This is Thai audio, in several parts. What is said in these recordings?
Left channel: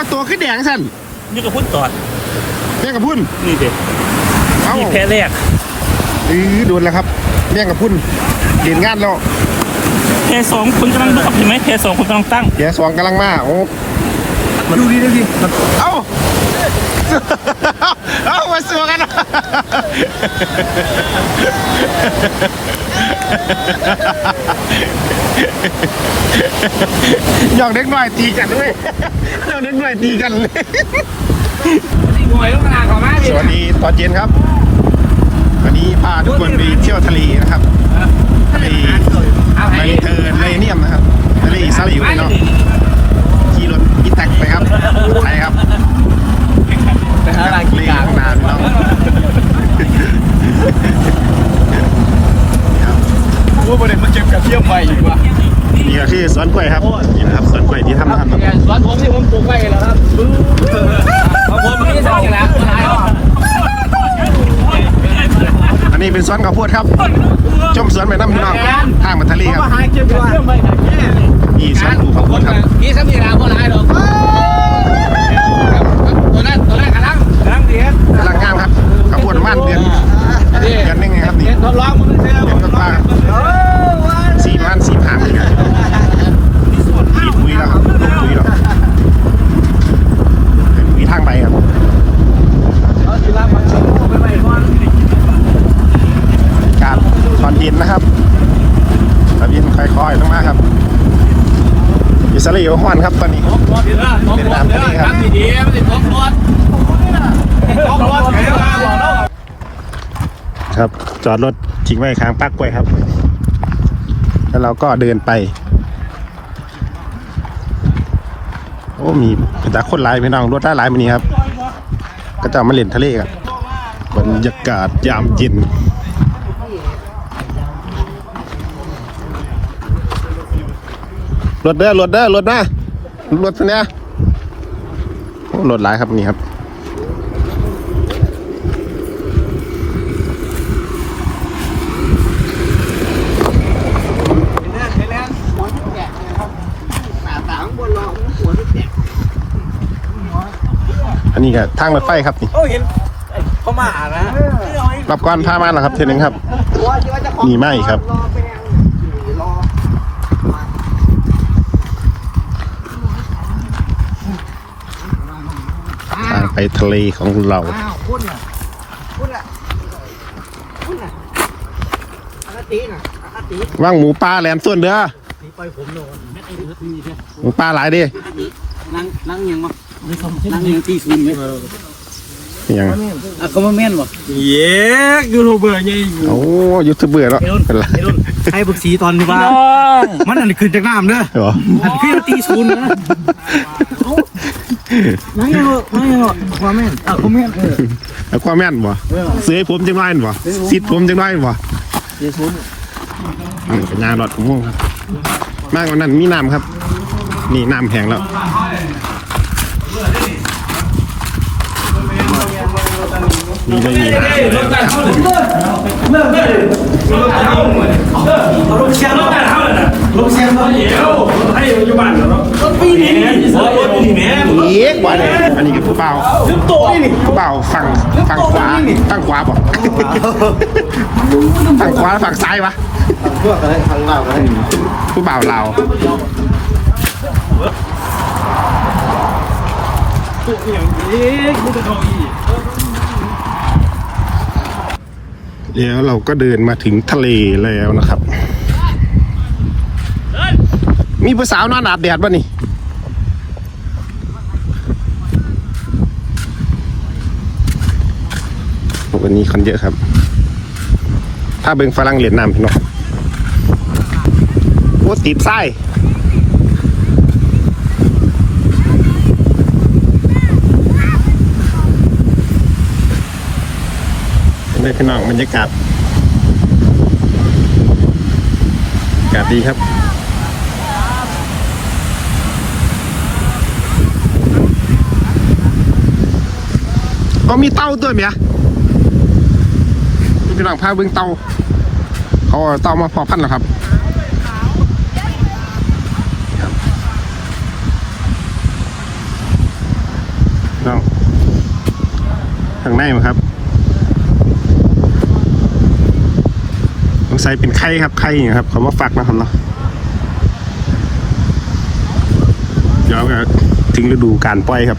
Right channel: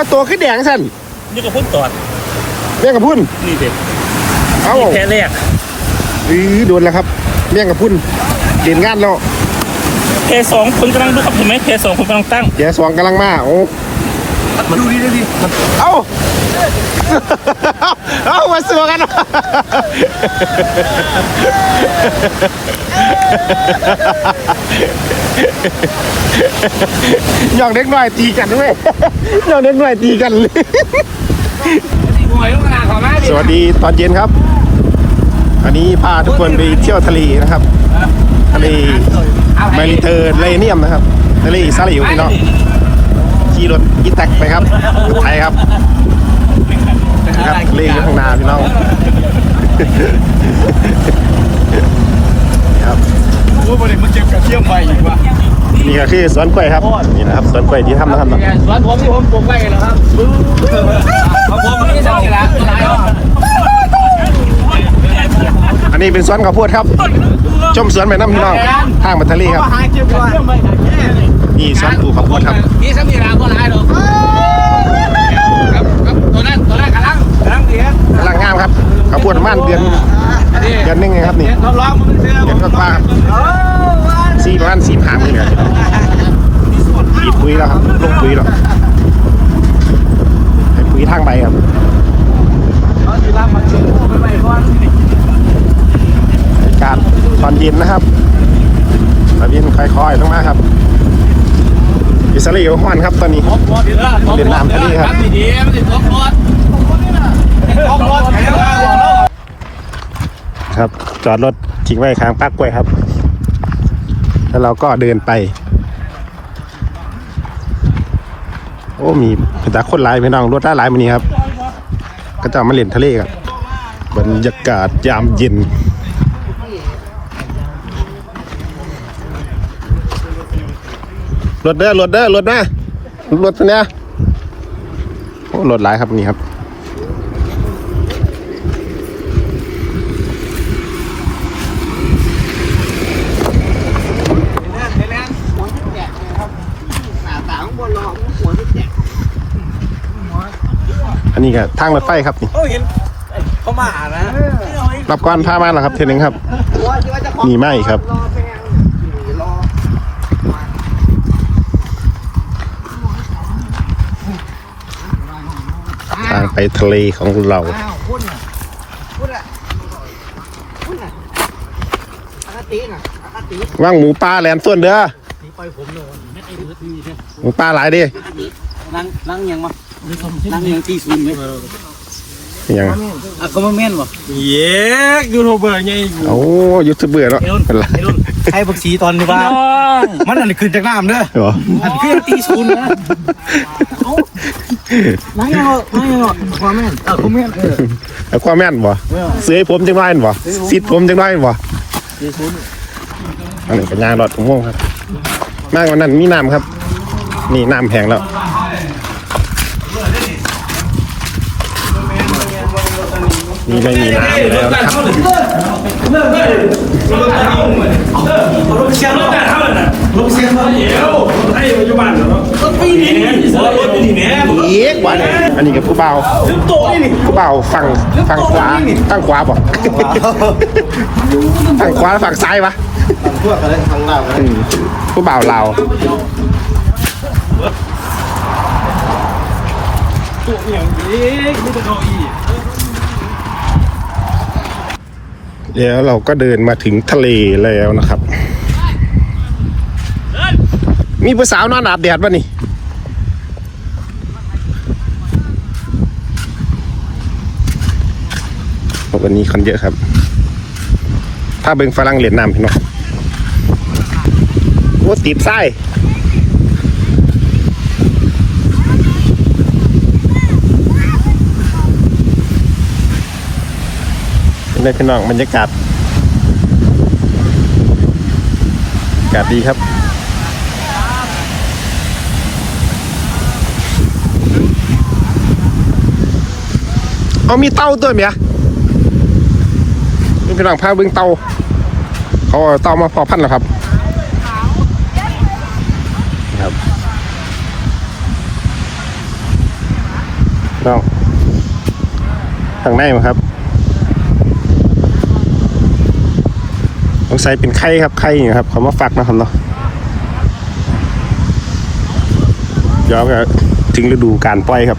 หยังสั่นนี่ก็พุ่นตอดแม่งกับพุ่นนี่เด็ดเอ้าแค่แรกหรือโดนแล้วครับแม่งกับพุ่นเด่นงานแล้วแค่สองคนกำลังดูเห็นไหมแค่สองคนกำลังตั้งแกสองกำลังมาโอ้ดูดีดูดีเอ้าเอ้ามาสัวกัน หยอกเด็กหน่อยตีกันด้วยหยอกเด็กหน่อยตีกันเลยสวัสดีตอนเย็นครับ อันนี้พาทุกคนไปเที่ยวทะเลนะครับ ทะเลเมริเทอร์เลเนียมนะครับทะเลซาลิวเนาะขี่รถอีแท็กไปครับรถไทยครับนะครับทะเลอยู่ข้างหน้าพี่น้องนี่ครับ กูประเด็นมาเก็บกับเชี่ยวไปอยู่ว่า นี่ก็คือ สวนกล้วยครับนี่นะครับสวนกล้วยที่ทำนะครับสวัสดีผมที่ผมปลูกไว้แล้วครับผมนี่ได้แล้วอันนี้เป็นสวนข้าวโพดครับชมสวนแม่น้ำพี่น้องทางมาทะเลครับนี่สวนปลูกข้าวโพดครับนี่จะมีอะไรก็ได้หรอกตัวนั้นตัวนั้นกำลังกำลังเดียวกำลังงามครับข้าวโพดประมาณเดือนเดือนหนึงเองครับนี่ทดลองมึงเที่ยวเดือนกว่าๆสี่ประมาณสี่หางเลยเดี๋ยวพี่น้อง ขีดปุ๋ยแล้วครับลูกปุ๋ยแล้วปุ๋ยทางใบครับกาศตอนเย็นนะครับตอนเย็นค่อยๆลงมาครับอิสราเอลฮ้อนครับตอนนี้เวียดนามทะเลครับดีๆมันจะครบรถครบรถครับจอดรถทิ้งไว้ข้างปักกล้วยครับ แล้วเราก็เดินไป โอ้มีกระจากคนหลายไปน้องรถด้านหลายมันนี้ครับ ก็จะมาเล่นทะเลครับบรรยากาศยามเย็นรถเด้อรถเด้อรถมารถเนี้ยโอ้รถหลายครับนี่ครับ นนี้ก็ทางรถไฟครับนี่เขาเห็นเขามานะรับก้อนผ้ามาแล้วครับเทนึงครับมีไหมครับทางไปทะเลของเราว่างหมูปลาแหลมส่วนเด้อหมูปลาหลายดินั่งนั่งยังมา นั่งยังตีศูนย์เลยยังอะก็มาแม่นบ่เย้ยูทูบเบอร์ไงโอ้ยูทูบเบอร์เนาะเป็นไรไอ้บักสีตอนนี้ว่า มันอันขึ้นจากน้ำเด้อเหรออันขึ้นตีศูนย์นะนั่งยังนั่งยังพ่อแม่เออพ่อแม่เออแล้วความแม่นบ่เสื้อให้ผมจังไรบ่ซิดผมจังไรบ่อันนี้เป็นงานรถของพวกครับมากกว่านั้นมีน้ำครับนี่น้ำแพงแล้ว นี่ได้มีน้ำแล้วนะครับอีกว่าเนี่ยอันนี้กับผู้เบาผู้เบาฝั่งฝั่งขวาฝั่งขวาป่ะฝั่งขวาฝั่งซ้ายวะผู้เบาเรา วเดี๋ยวเราก็เดินมาถึงทะเลแล้วนะครับ มีผู้สาวนอนอาบแดดป่ะนี่วันนี้คนเยอะครับ ถ้าเบิงฝรั่งเหรียญนำพี่น้องโอ้ตีบไส้เป็น ไงพี่น้องบรรยากาศอากาศดีครับเอามีเตาด้วยไหมพี่น้องพาเบิ้งเตาเขาเตามาพอพันแล้วครับครับข้างในมั้ครับ สงสัยเป็นไข่ครับไข่อย่างครับเขามาฟักนะครับเนาะเดี๋ยวก็ถึงฤดูการปล่อยครับ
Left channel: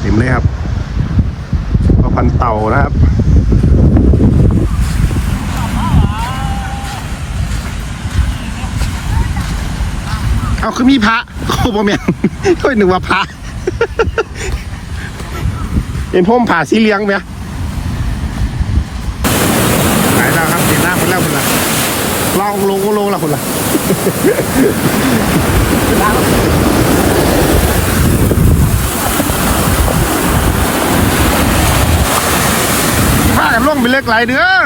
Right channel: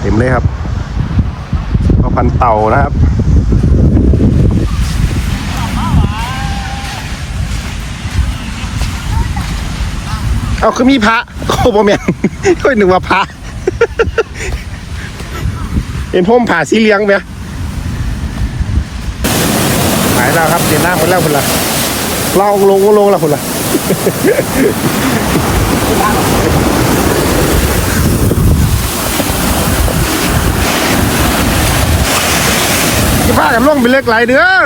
เต็มเลยครับก็พันเต่านะครับเอาคือมีพระโอ้บ่แม่นเฮ้ยนึกว่าพระเป็นพ่มผ่าสีเลียงไหม หายแล้วครับเดี๋ยวหน้าคนแล้วคนละลองลงก็ลงล้วคนละจะพากันลงไปเล็กไหลเด้อ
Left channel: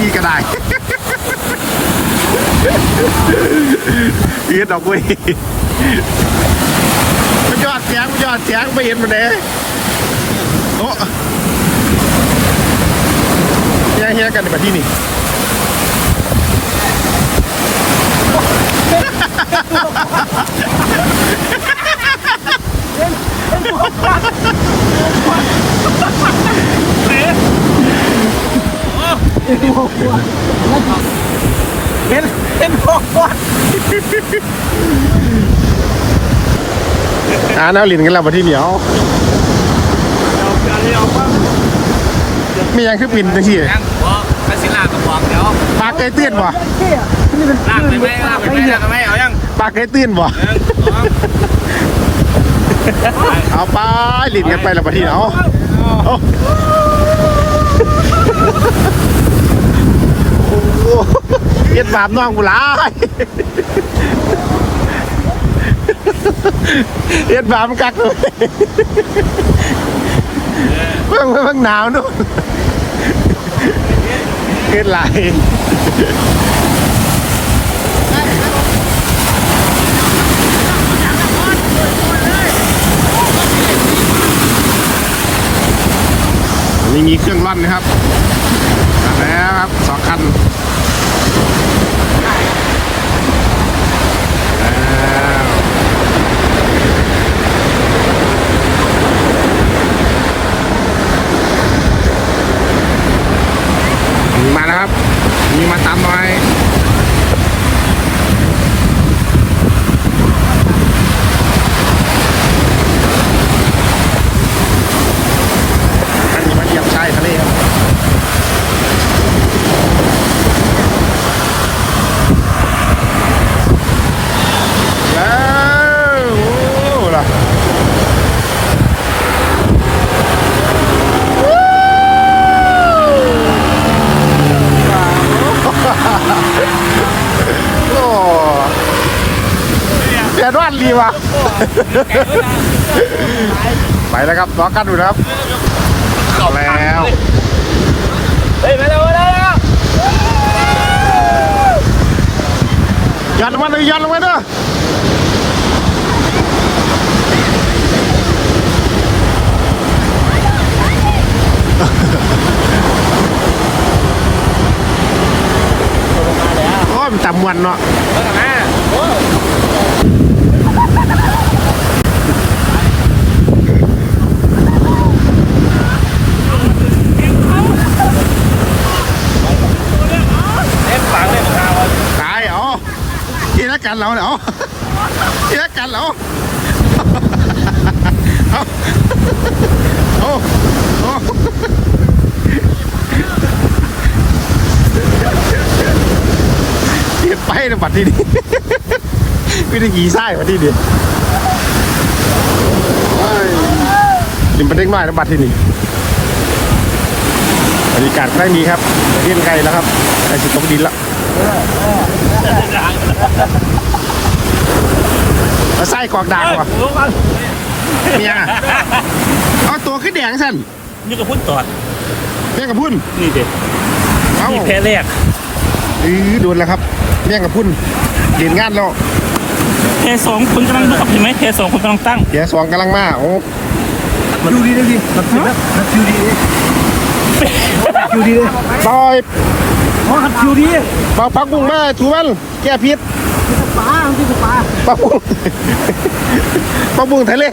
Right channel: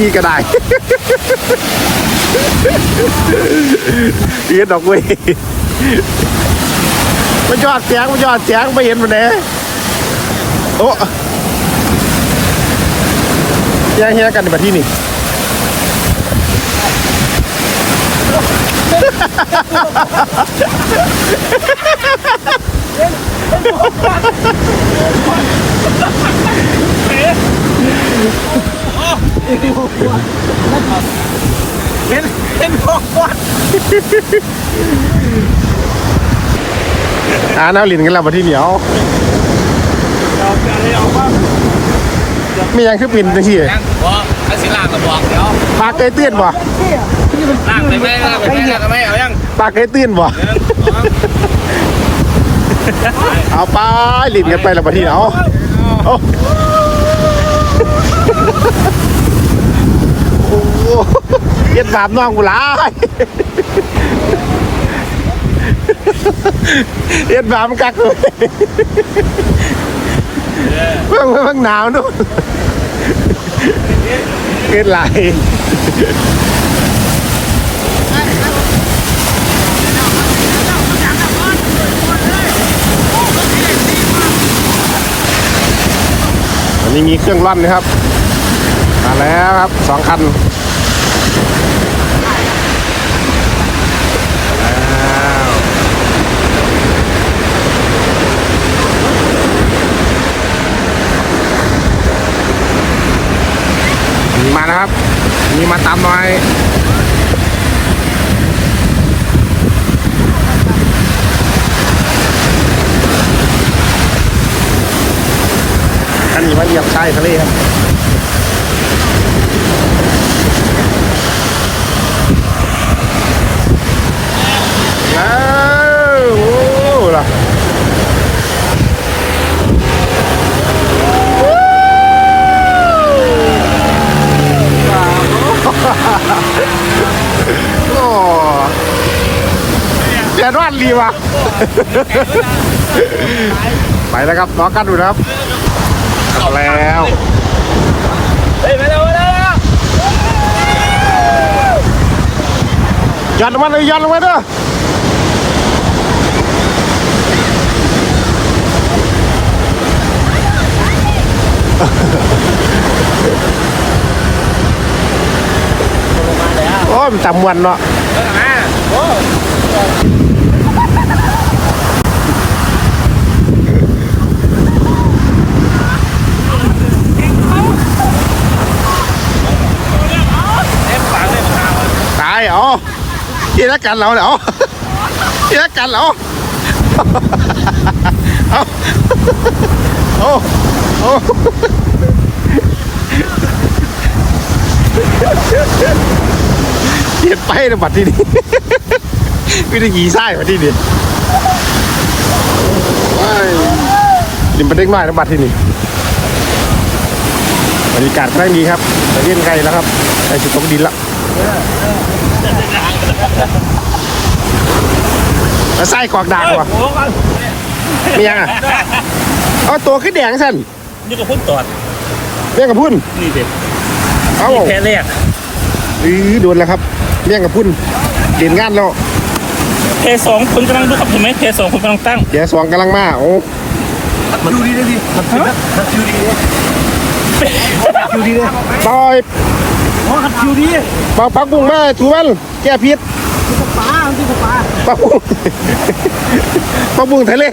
มีกระไดาษ ยืดดอกเว้ยมันยอดเสียงมันยอดเสียงไปเห็นมันเด้โอ้เสียงเฮียกันในประเทศนี่เป็น เป็นพวกคนอ่าน้าลินกันแล้วประเทศเหนียวมียังคือปินจังซี่นั่งหัวข้าสิล่างกระบอกเดี๋ยวปลาเกยตื้นบ่ล่างไปไหมล่างไปไหมล่างไปไหมเอายังปลาเกยตื้นบ่เอาไปลินกันไปแล้วประเทศเอาเอาโอ้โห เย็ดบาปน้องกูหลายเย็ดบาปมันกักเลยเพิ่งเพิ่งหนาวนู่นเกินหลายอันนี้มีเครื่องร่อนนะครับ มาแล้วครับสองคัน มาแล้วอันะครับ มีมาตามหน่อยอันนี้มาเรียบชายทะเลครับ แล้วโอ้ล่ะว้าวโอ้เสียดวันดีว่ะ ไปแล้ว ครับล้อกันดูนะครับแล้วเฮ้ยมาแล้วมาแล้วยันลงมาเลยยันลงมาเด้อโอ้ยมันจำวันเนาะตายเหรอ ที่รักกันเราเหรอที่รักกันเหรอเอาเอาเอาเย็ดไปนะบัดที่นี่วิธีขี่ไส้บัดนี่ว้ายดิมประเด็กน้อยนะบัดที่นี่บรรยากาศครั้งนี้ครับจะเล่นไกลแล้วครับไกลจะตกดินล้ว แล้วไส้กรอกด่างวะเมียอะเอาตัวขึ้นแดงสั่นนี่ก็พุ่นตอดเมียกับพุ่นนี่เด็ดเอาแค่แรกหรือโดนแล้วครับเมียกับพุ่นเด่นงานแล้วแค่สองคนกำลังดูกับเห็นไหมแค่สองคนกำลังตั้งเดี๋ยวสองกำลังมาโอ้มันดูดีเลยพี่ฮะดูดีคิวดีเลยปล่อยข อขัดคิวดีปล่อยพักบุ้งมาถูมันแก้พิษที่สปาที่สปาพักบุ้งพักบุ้งทะเล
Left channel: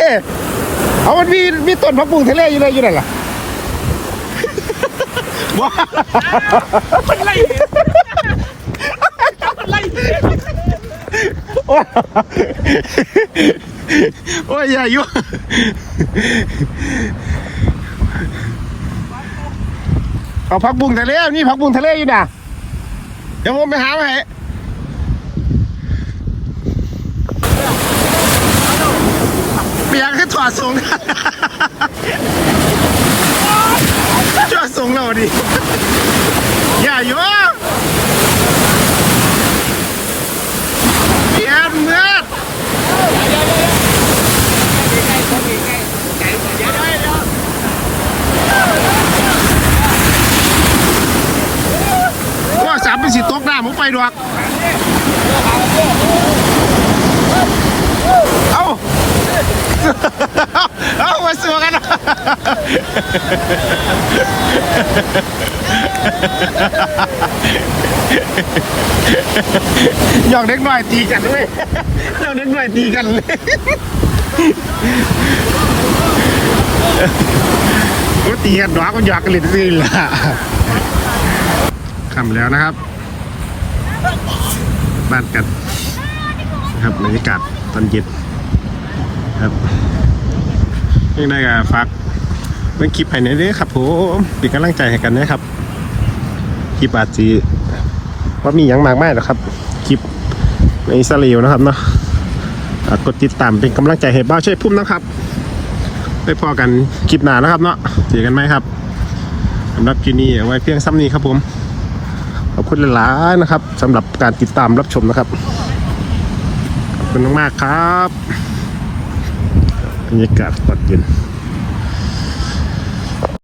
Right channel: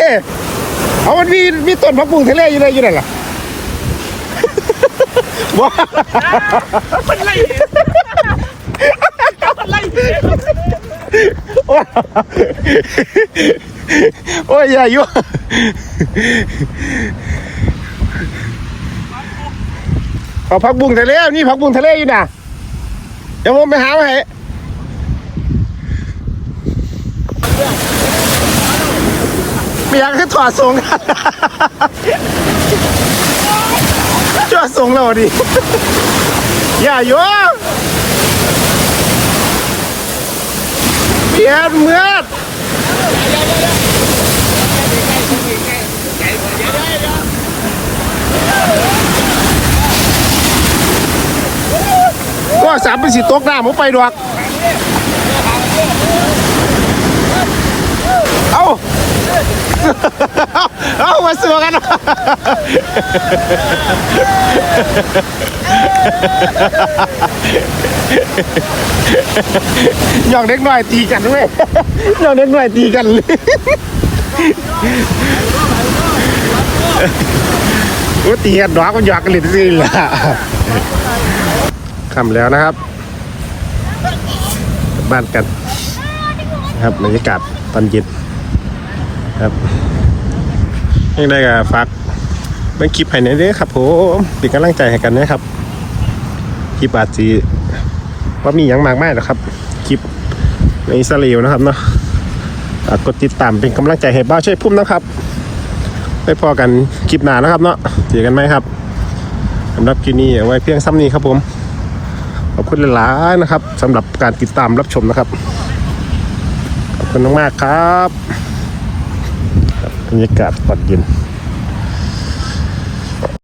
เอามันมีมีต้นพักบุ้งทะเลอยู่เลยอยู่นั่นล่ะว้าเป็นไรโอ้ยอย่าอยู่เอาพักบุ้งทะเลนี่พักบุ้งทะเลอยู่น่ะ เดี๋ยวผมไปหามาให้ไม่อยกให้ถอดทรงถอดทรงแล้วดิอย่าอยู่เปียนเมื่อว่า สามเป็นสิตกน้ำผมไปดอกเอาเอามาสู้กันหยอกเด็กหน่อยตีกันด้วยหยอกเด็กหน่อยตีกันเลยกูตีกันดอกก็หยอกกันเลยสิล่ะ คำแล้วนะครับกลับบ้านกันนะครับบรรยากาศตอนเย็นครับยังได้กับฝากเบิ่งคลิปให้หน่อยด้อครับผมเป็นกำลังใจให้กันนะครับคลิปอาจจีว่ามีอย่างมากมายหรอกครับคลิปในอิสราเอลนะครับเนาะฝากกดติดตามเป็นกำลังใจให้บ้าช่วยพุ่มนะครับไปพอกันคลิปหน้านะครับเนาะเจอกันไหมครับสำหรับคลิปนี้เอาไว้เพียงซ้ำนี้ครับผม อบคุณหลายๆนะครับสำหรับการติดตามรับชมนะครับ ขอบคุณมากๆครับบรรยากาศตอนเย็น